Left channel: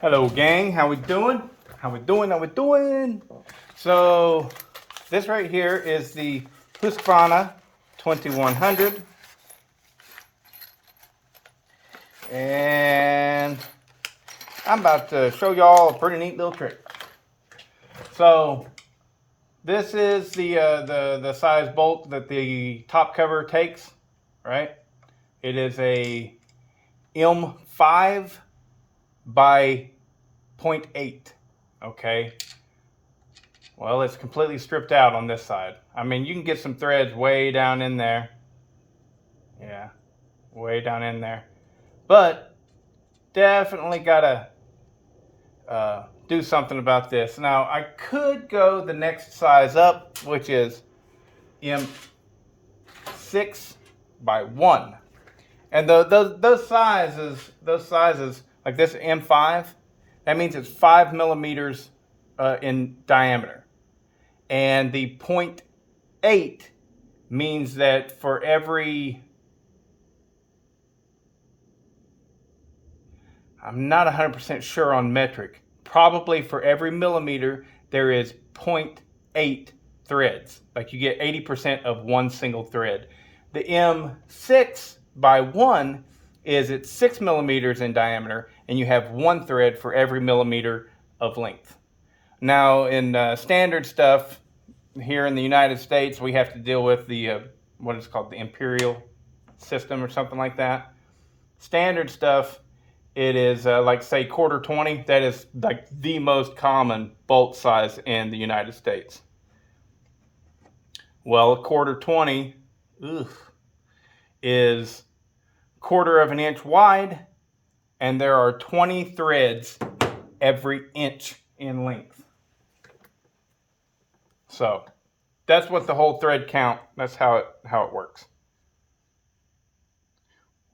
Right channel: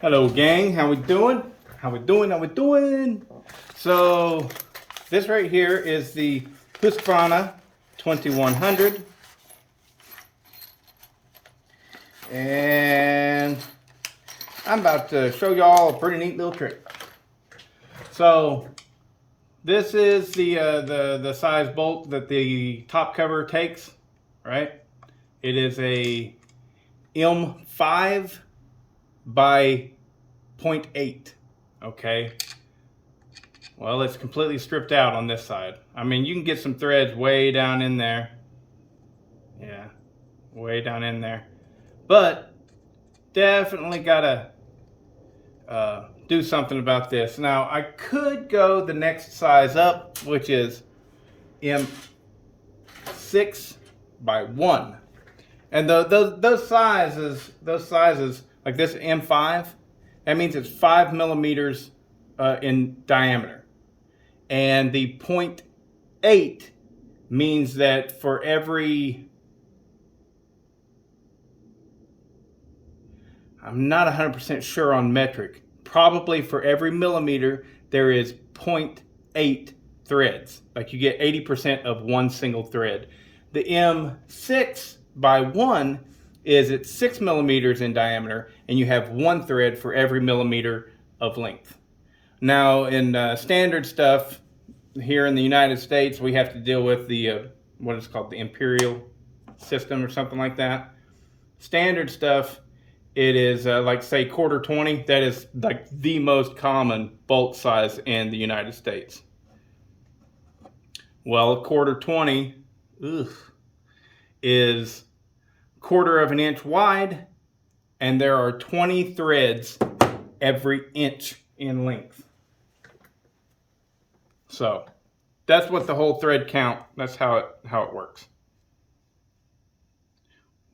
Hello gang, how we doing? How we doing? So this right here is the Husqvarna 2100, and I'm about to show y'all a pretty neat little trick. So this is the size bolt that the top cover takes, right? It is a M5 by 0.8, okay? Well, it's completely stripped out on this side. I mean, you can get some threads way down in there. Yeah, way down in there. But definitely gotta do something about this. Now, I could go the next size up, which is M6 by 1. And those sizes, like this M5, that means it's 5 millimeters in diameter. And the 0.8 means that for every, I'm not 100% sure on metric, probably for every millimeter there is 0.8 threads. Like you get 80% of one single thread. The M6 by 1 is at 6 millimeters in diameter, and you have one thread for every millimeter of length. Now in standard stuff here in the United States, we have to deal with the what is called the imperial system or something like that. Standard stuff, it is like say 1/4 20. That is like the most common bolt size in the United States. Well, 1/4 20 is 1/4 of an inch wide, and there are 20 threads every inch in length. So that's what the whole thread count, that's how it works.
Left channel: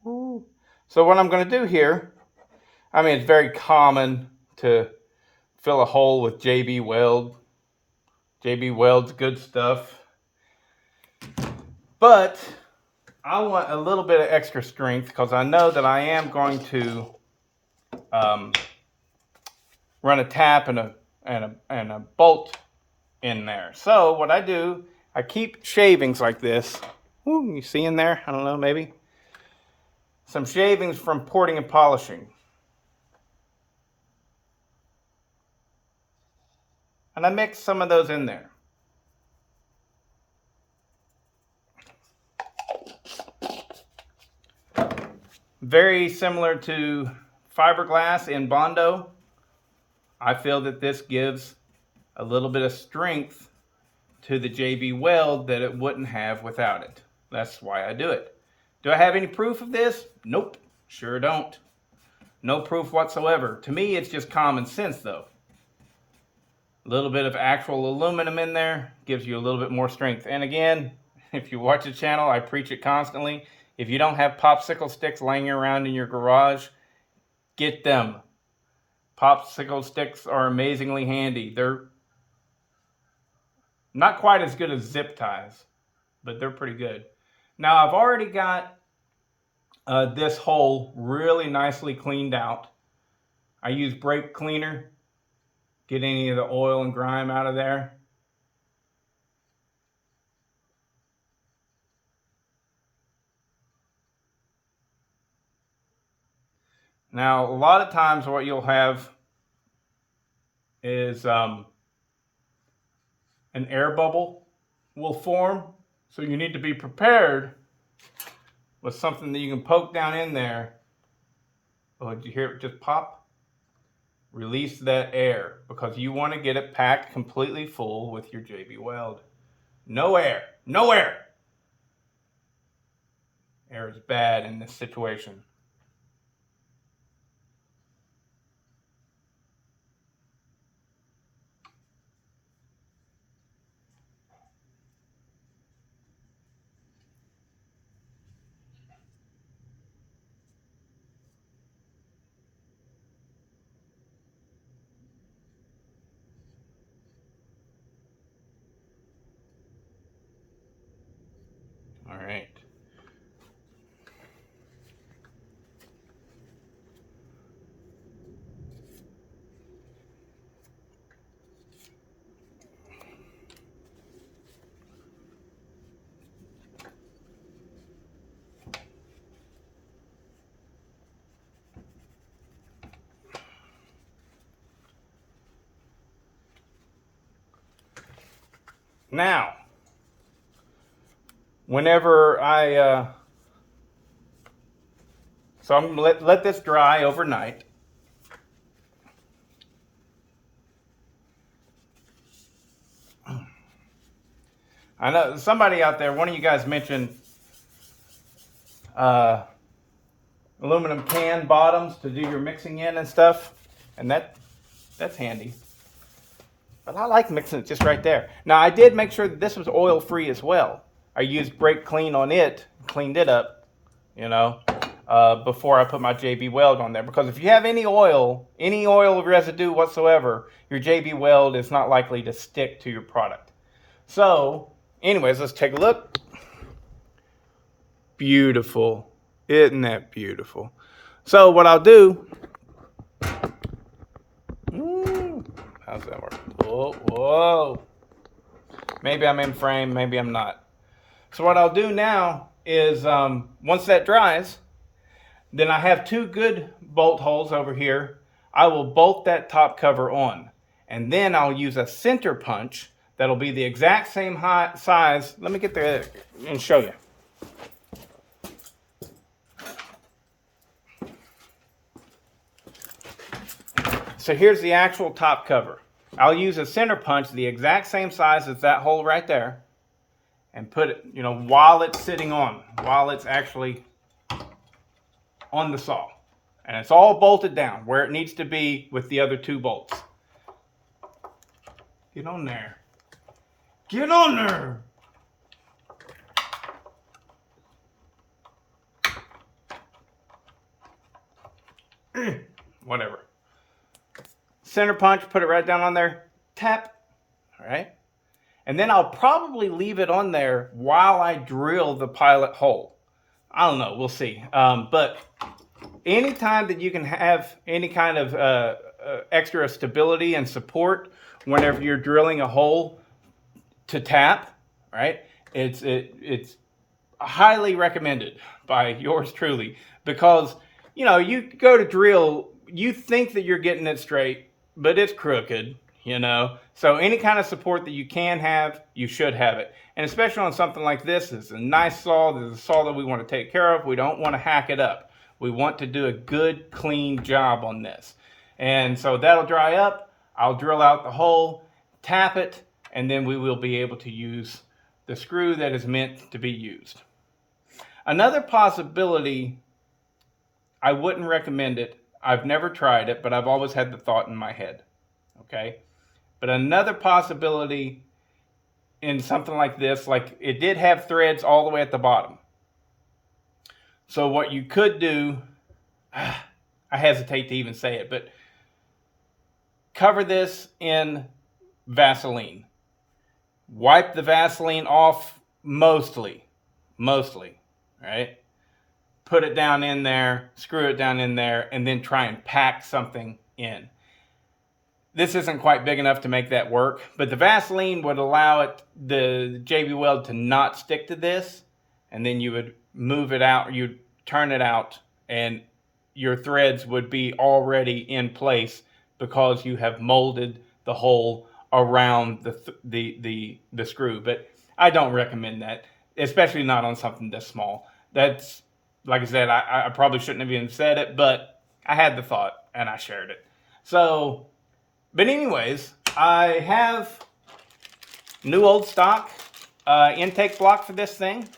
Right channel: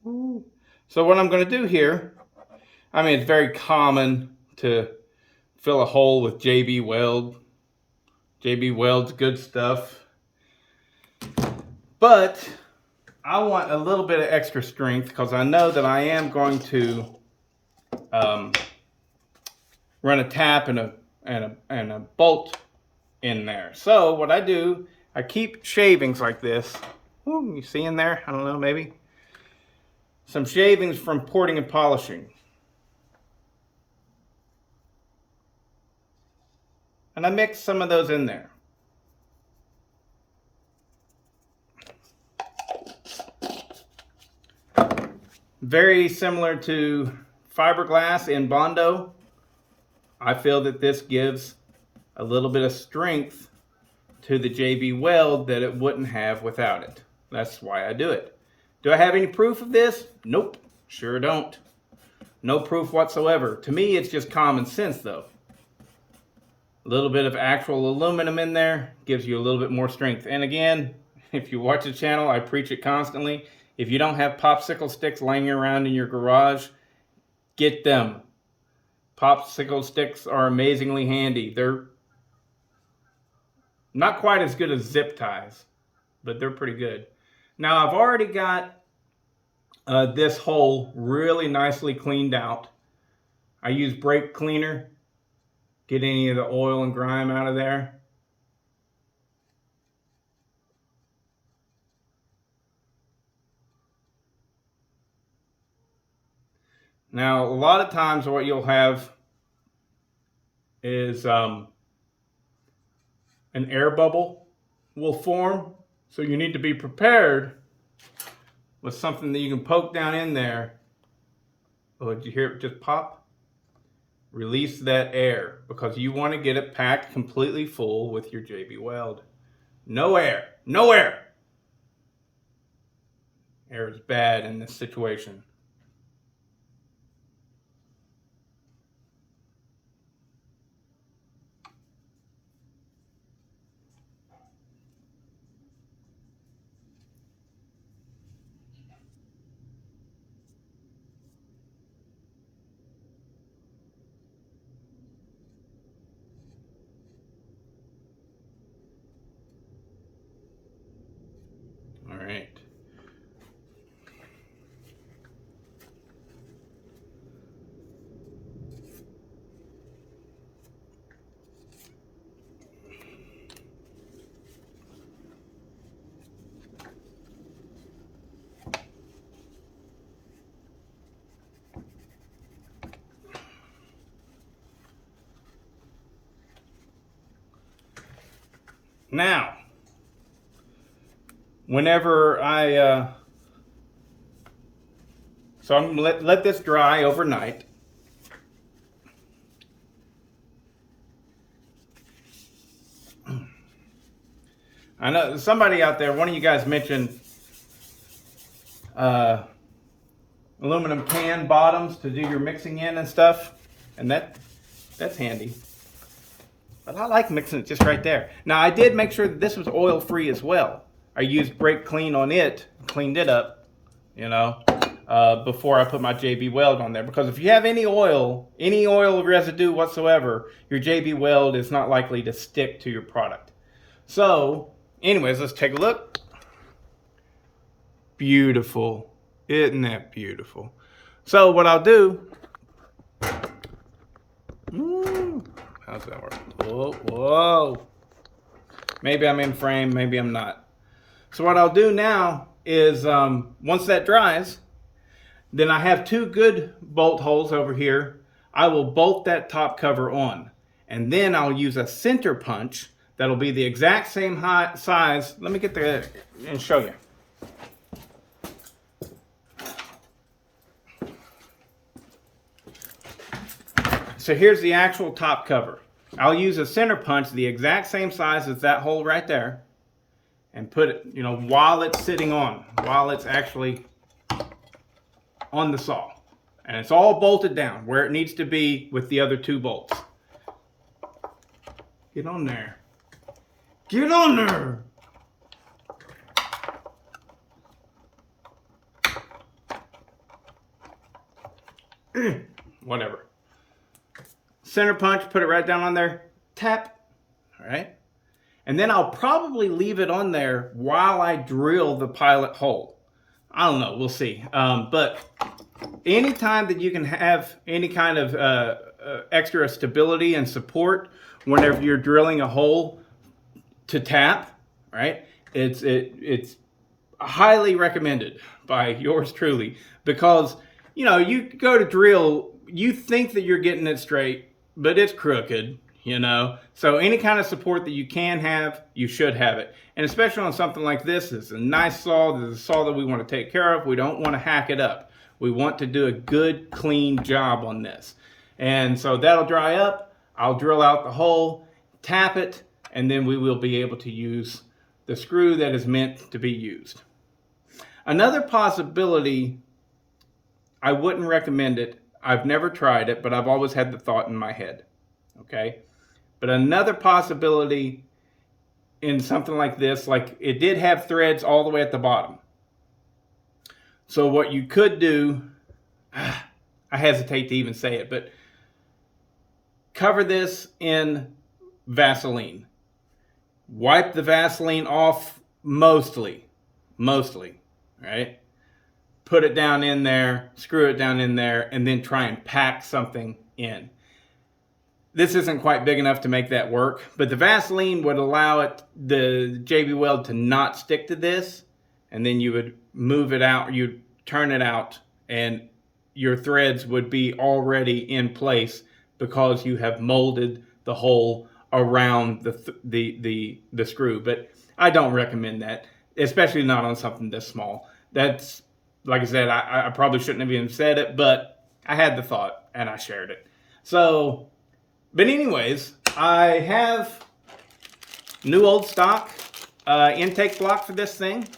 Ooh. So what I'm going to do here, I mean, it's very common to fill a hole with JB Weld. JB Weld's good stuff. But I want a little bit of extra strength because I know that I am going to run a tap and a bolt in there. So what I do, I keep shavings like this. Ooh, you see in there? I don't know, maybe. Some shavings from porting and polishing. And I mix some of those in there. Very similar to fiberglass in Bondo. I feel that this gives a little bit of strength to the JB Weld that it wouldn't have without it. That's why I do it. Do I have any proof of this? Nope, sure don't. No proof whatsoever. To me, it's just common sense though. A little bit of actual aluminum in there gives you a little bit more strength. And again, if you watch the channel, I preach it constantly. If you don't have popsicle sticks laying around in your garage, get them. Popsicle sticks are amazingly handy. They're not quite as good as zip ties, but they're pretty good. Now I've already got this hole really nicely cleaned out. I use brake cleaner, get any of the oil and grime out of there. Now a lot of times what you'll have is an air bubble will form, so you need to be prepared with something that you can poke down in there. Oh, did you hear it just pop? Release that air, because you want to get it packed completely full with your JB Weld. No air, no air. Air is bad in this situation. All right. Now, whenever so I'm gonna let this dry overnight. I know somebody out there, one of you guys mentioned aluminum can bottoms to do your mixing in and stuff, and that's handy. But I like mixing it just right there. Now I did make sure that this was oil free as well. I used brake clean on it, cleaned it up, you know, before I put my JB Weld on there. Because if you have any oil residue whatsoever, your JB Weld is not likely to stick to your product. So, anyways, let's take a look. Beautiful. Isn't that beautiful? So what I'll do, how's that work? Whoa, whoa. Maybe I'm in frame, maybe I'm not. So what I'll do now is, once that dries, then I have two good bolt holes over here. I will bolt that top cover on. And then I'll use a center punch that'll be the exact same size. Let me get there and show you. So here's the actual top cover. I'll use a center punch the exact same size as that hole right there, and put it, you know, while it's sitting on, while it's actually on the saw. And it's all bolted down where it needs to be with the other two bolts. Get on there. Get on there. Whatever. Center punch, put it right down on there, tap, all right? And then I'll probably leave it on there while I drill the pilot hole. I don't know, we'll see. But anytime that you can have any kind of extra stability and support whenever you're drilling a hole to tap, right? It's highly recommended by yours truly, because, you know, you go to drill, you think that you're getting it straight, but it's crooked, you know. So any kind of support that you can have, you should have it. And especially on something like this, it's a nice saw. This is a saw that we want to take care of. We don't want to hack it up. We want to do a good, clean job on this. And so that'll dry up. I'll drill out the hole, tap it, and then we will be able to use the screw that is meant to be used. Another possibility, I wouldn't recommend it. I've never tried it, but I've always had the thought in my head, okay? But another possibility in something like this, like it did have threads all the way at the bottom. So what you could do, I hesitate to even say it, but cover this in Vaseline. Wipe the Vaseline off mostly, right? Put it down in there, screw it down in there, and then try and pack something in. This isn't quite big enough to make that work, but the Vaseline would allow it, the JB Weld, to not stick to this, and then you would move it out, you'd turn it out, and your threads would be already in place because you have molded the hole around the screw. But I don't recommend that, especially not on something this small. That's, like I said, I probably shouldn't have even said it, but I had the thought and I shared it. So, but anyways, I have new old stock intake block for this thing.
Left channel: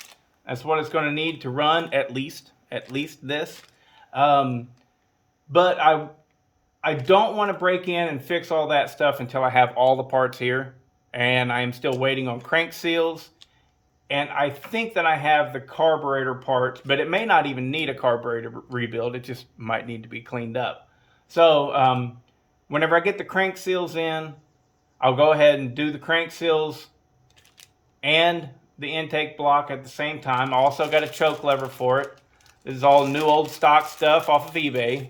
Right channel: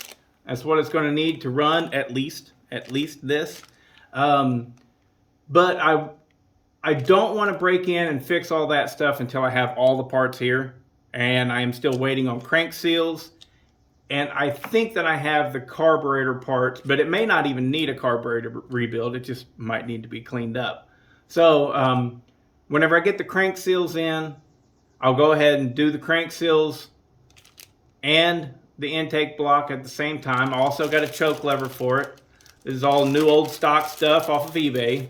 That's what it's going to need to run at least this. But I don't want to break in and fix all that stuff until I have all the parts here. And I'm still waiting on crank seals. And I think that I have the carburetor parts, but it may not even need a carburetor rebuild. It just might need to be cleaned up. So whenever I get the crank seals in, I'll go ahead and do the crank seals and the intake block at the same time. I also got a choke lever for it. This is all new old stock stuff off of eBay.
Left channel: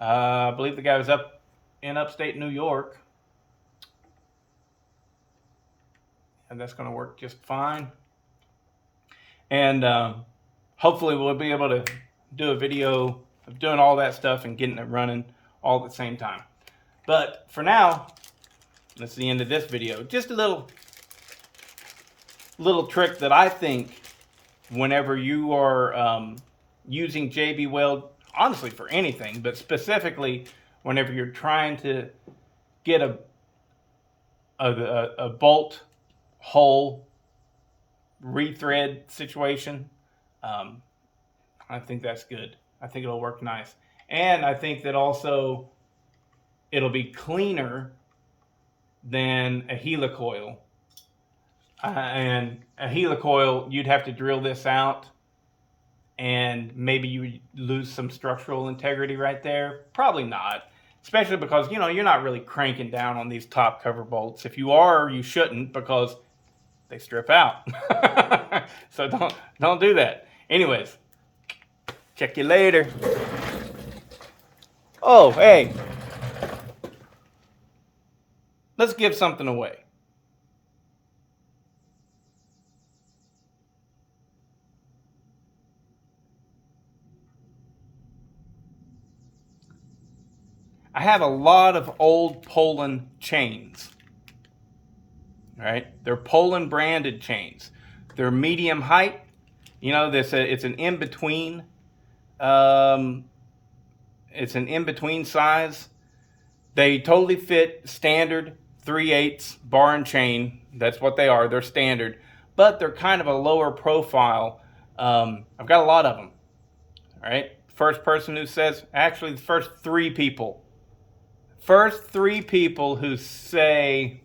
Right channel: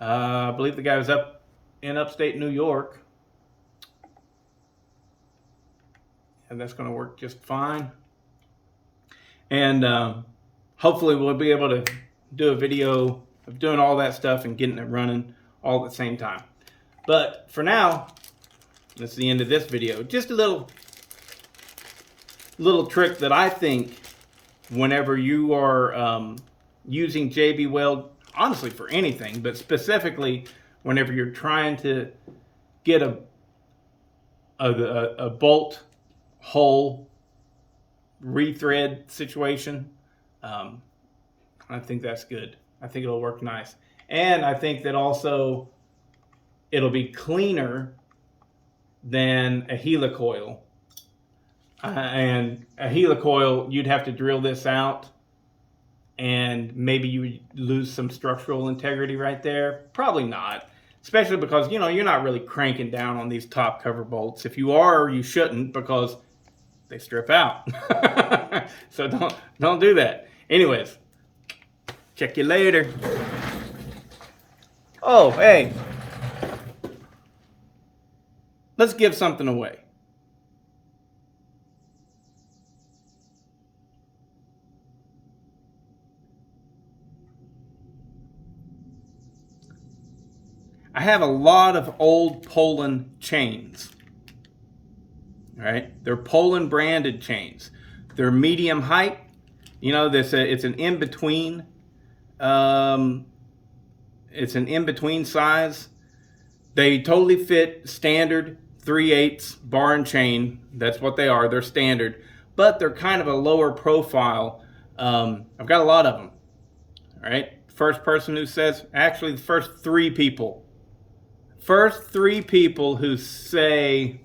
I believe the guy was up in upstate New York. And that's going to work just fine. And hopefully we'll be able to do a video of doing all that stuff and getting it running all at the same time. But for now, that's the end of this video. Just a little little trick that I think whenever you are using JB Weld, honestly for anything, but specifically whenever you're trying to get a bolt hole rethread situation, I think that's good. I think it'll work nice. And I think that also it'll be cleaner than a helicoil. And a helicoil, you'd have to drill this out, and maybe you would lose some structural integrity right there. Probably not, especially because, you know, you're not really cranking down on these top cover bolts. If you are, you shouldn't, because they strip out. So don't do that. Anyways, check you later. Oh, hey, let's give something away. I have a lot of old Poland chains. Right? They're Poland branded chains. They're medium height. You know, it's an in-between. It's an in-between size. They totally fit standard 3/8 bar and chain. That's what they are. They're standard. But they're kind of a lower profile. I've got a lot of them. All right? First person who says, actually the first three people. First three people who say,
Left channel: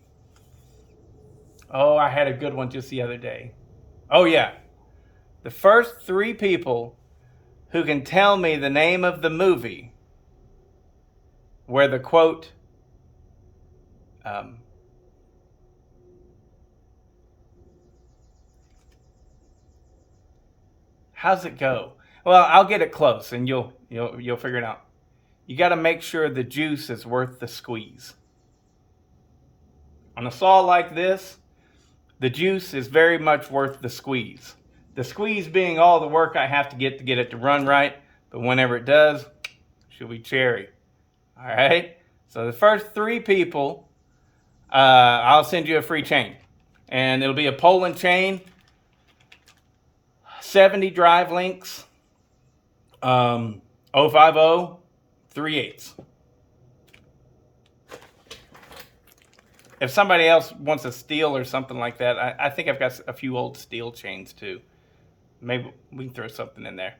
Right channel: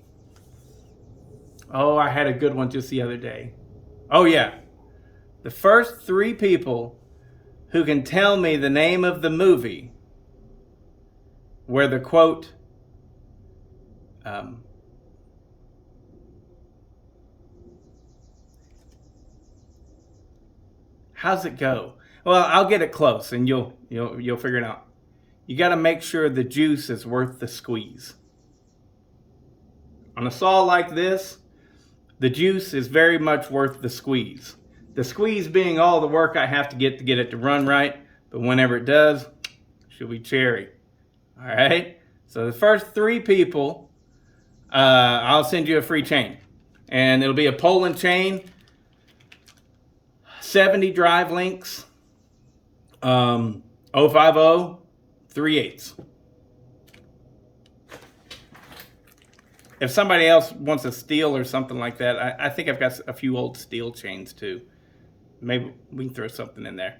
oh, I had a good one just the other day. Oh, yeah. The first three people who can tell me the name of the movie where the quote, how's it go? Well, I'll get it close and you'll figure it out. You got to make sure the juice is worth the squeeze. On a saw like this, the juice is very much worth the squeeze. The squeeze being all the work I have to get it to run right, but whenever it does, she'll be cherry. All right? So the first three people, I'll send you a free chain. And it'll be a Poland chain, 70 drive links, 050 3/8. If somebody else wants a steel or something like that, I think I've got a few old steel chains too. Maybe we can throw something in there.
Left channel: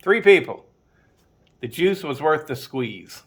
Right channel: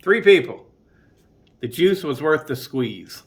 Three people. The juice was worth the squeeze.